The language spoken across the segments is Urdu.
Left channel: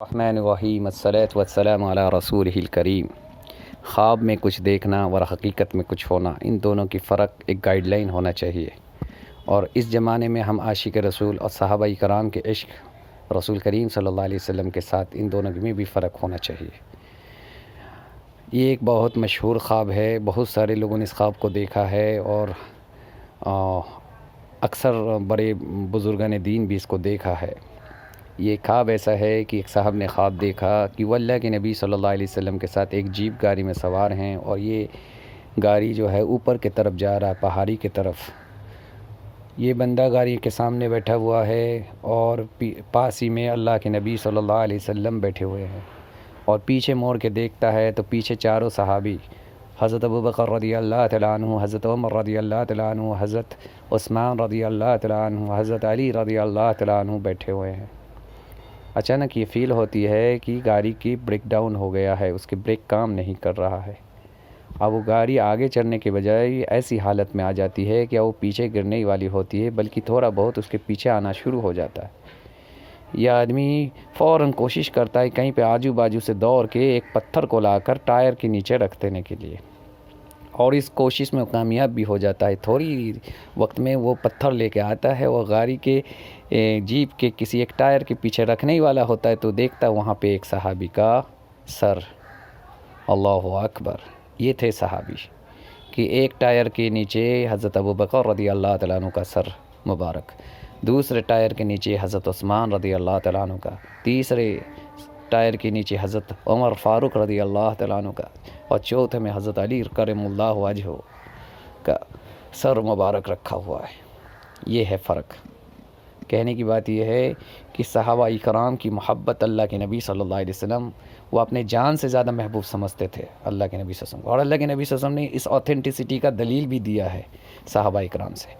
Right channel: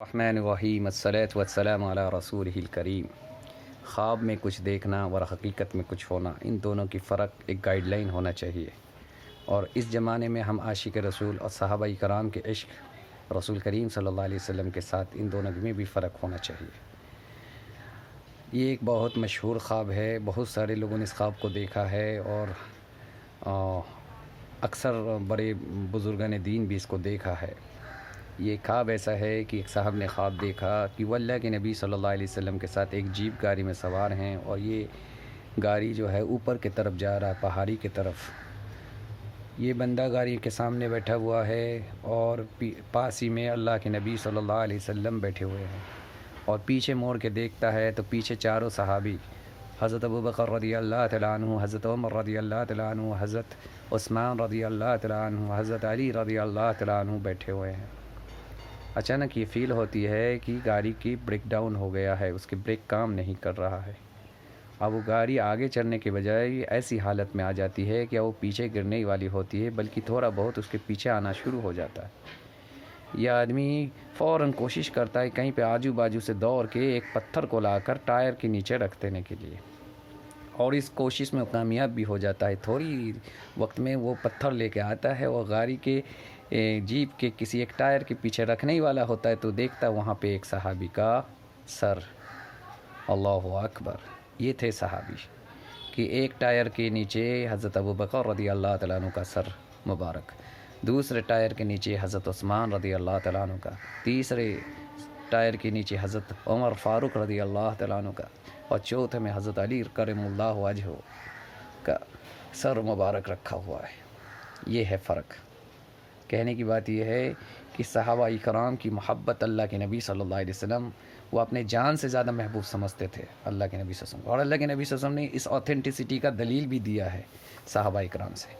الرحمن الرحیم الصلاۃ والسلام علی رسولہ الکریم۔ خواب میں کچھ دیکھنا اور حقیقت میں کچھ ہونا، ان دونوں کی فرق ایک گائیڈ لائن ہونا چاہیے، اور اس زمانے میں ہم عاشق رسول اور صحابہ کرام کے عشق رسول کریم صلی اللہ علیہ وسلم کے ساتھ ان دونوں میں بھی فرق ہونا چاہیے۔ یہ ایک بہت مشہور خواب ہے، بہت سارے لوگوں نے اس خواب کو دیکھا ہے، اور اکثر بڑے بزرگان دین بھی اس کو دیکھا ہے۔ یہ خواب ایسا ہے کہ ایک صاحب نے خواب دیکھا کہ وہ اللہ کے نبی صلی اللہ علیہ وسلم کے ساتھ ایک جیپ گاڑی میں سوار ہیں، اور یہ گاڑی جو ہے اوپر کی طرف جا رہا ہے، پہاڑی کی طرف۔ یہ بندہ گاڑی کے سامنے بیٹھا ہوا ہے، اور پاس ہی میں اللہ کے نبی صلی اللہ علیہ وسلم بیٹھے ہوئے ہیں، اور پیچھے موڑ کے دیکھتا ہے تو پیچھے چاروں صحابی، حضرت ابوبکر رضی اللہ تعالیٰ عنہ، حضرت عمر رضی اللہ تعالیٰ عنہ، حضرت عثمان رضی اللہ تعالیٰ عنہ، حضرت علی رضی اللہ تعالیٰ عنہ بیٹھے ہوئے ہیں۔ اچانک یہ فیل ہوتی ہے کہ گاڑی کی بریک ڈاؤن ہو گیا ہے، اس کی بریک کام نہیں کر رہا ہے۔ اب وہ گاڑی آگے چڑھنے کے بجائے ایسی حالت میں آ جاتی ہے کہ وہ پیچھے گرنے والی ہوتی ہے، بلکہ تھوڑا بہت اس کے پیچھے آنا شروع ہو جاتا ہے۔ یہ آدمی فوراً کوشش کرتا ہے کہیں پہ آجو باجو سے دوڑ کے ایک پتھر کو لا کر ٹائر کے نیچے رکھ دینے کے لیے، اور اس کوشش میں کامیاب بھی ہو جاتا ہے۔ تھوڑی وقت میں وہ پتھر لے کے آتا ہے، اور گاڑی کے جیپ کے کسی ایک ٹائر کے پیچھے رکھنے ہی والا ہوتا ہے، تو دیکھتا وہاں پہ ایک صحابی کا سر۔ اللہ اکبر! یہ تھے صحابی کہ ایک ٹائر کے نیچے حضرت ابوبکر رضی اللہ تعالیٰ عنہ کا سر مبارک، دوسرے ٹائر کے نیچے حضرت عثمان رضی اللہ تعالیٰ عنہ کا، تیسرے ٹائر کے نیچے حضرت عمر فاروق رضی اللہ تعالیٰ عنہ کا، اور چوتھے میں حضرت علی کرم اللہ وجہہ کا سر مبارک رکھا ہوا ہے۔ یہ ہے فرق۔ کہنے کی بات یہ ہے کہ صحابہ اکرام کی محبت اللہ کے نبی صلی اللہ علیہ وسلم وہ اپنے جان سے زیادہ محبوب سمجھتے تھے اللہ کے نبی صلی اللہ علیہ وسلم، اور اللہ کے نبی صلی اللہ علیہ وسلم نے اس اوتھینٹسٹی کا دلیل بھی دیا ہے صحابہ اکرام سے،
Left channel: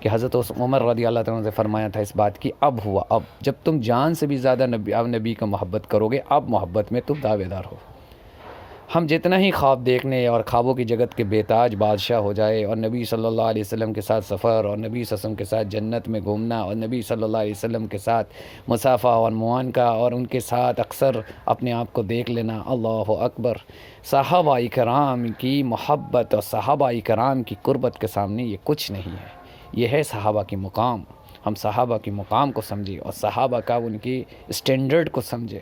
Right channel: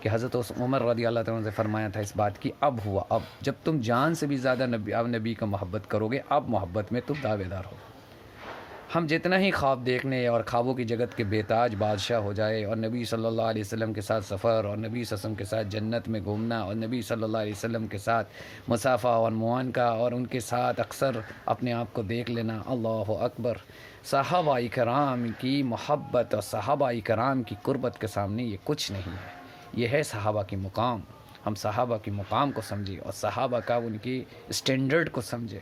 کہ حضرت عمر رضی اللہ تعالیٰ عنہ سے فرمایا تھا اس بات کی، اب ہوا، اب جب تم جان سے بھی زیادہ نبی کا محبت کرو گے، اب محبت میں تم دعوے دار ہو۔ ہم جتنا ہی خواب دیکھنے اور خوابوں کی جگت کے بےتاج بادشاہ ہو جائے، اور نبی صلی اللہ علیہ وسلم کے ساتھ سفر، اور نبی صلی اللہ علیہ وسلم کے ساتھ جنت میں گھومنا، اور نبی صلی اللہ علیہ وسلم کے ساتھ مصافحہ اور معانقہ، اور ان کے ساتھ اکثر اپنے آپ کو دیکھ لینا، اللہ اکبر! صحابہ اکرام کی محبت اور صحابہ اکرام کی قربت کے سامنے یہ کچھ نہیں ہے۔ یہ ہے صحابہ کی مقام۔ ہم صحابہ کی مقام کو سمجھیں، اور صحابہ کا ان کی اسٹینڈرڈ کو سمجھیں۔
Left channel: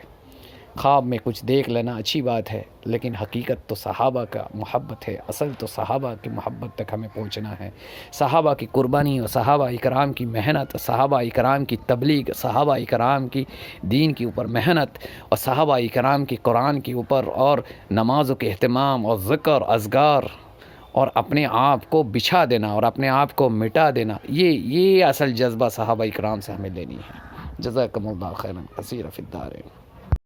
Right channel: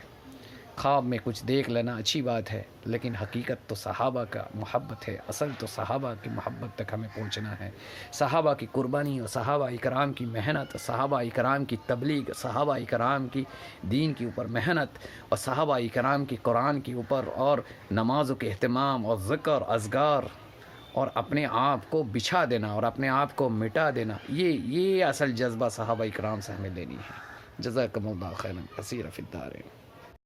خواب میں کچھ دیکھ لینا اچھی بات ہے، لیکن حقیقت تو صحابہ کا محبت ہے، اصل تو صحابہ کی محبت تک ہمیں پہنچنا ہے۔ صحابہ کی قربانی اور صحابہ اکرام کی محنت، صحابہ اکرام کی تبلیغ، صحابہ اکرام کی دین کے اوپر محنت، اور صحابہ اکرام کی قرآن کے اوپر اور نمازوں کے اہتمام اور ذکر اذکار، اور اپنے آپ کو بچھا دینا اور اپنے آپ کو مٹا دینا، یہ اصل جذبہ صحابہ اکرام سے ہمیں لینی ہے۔ جزاکم اللہ خیرا کثیرا فی الدارین۔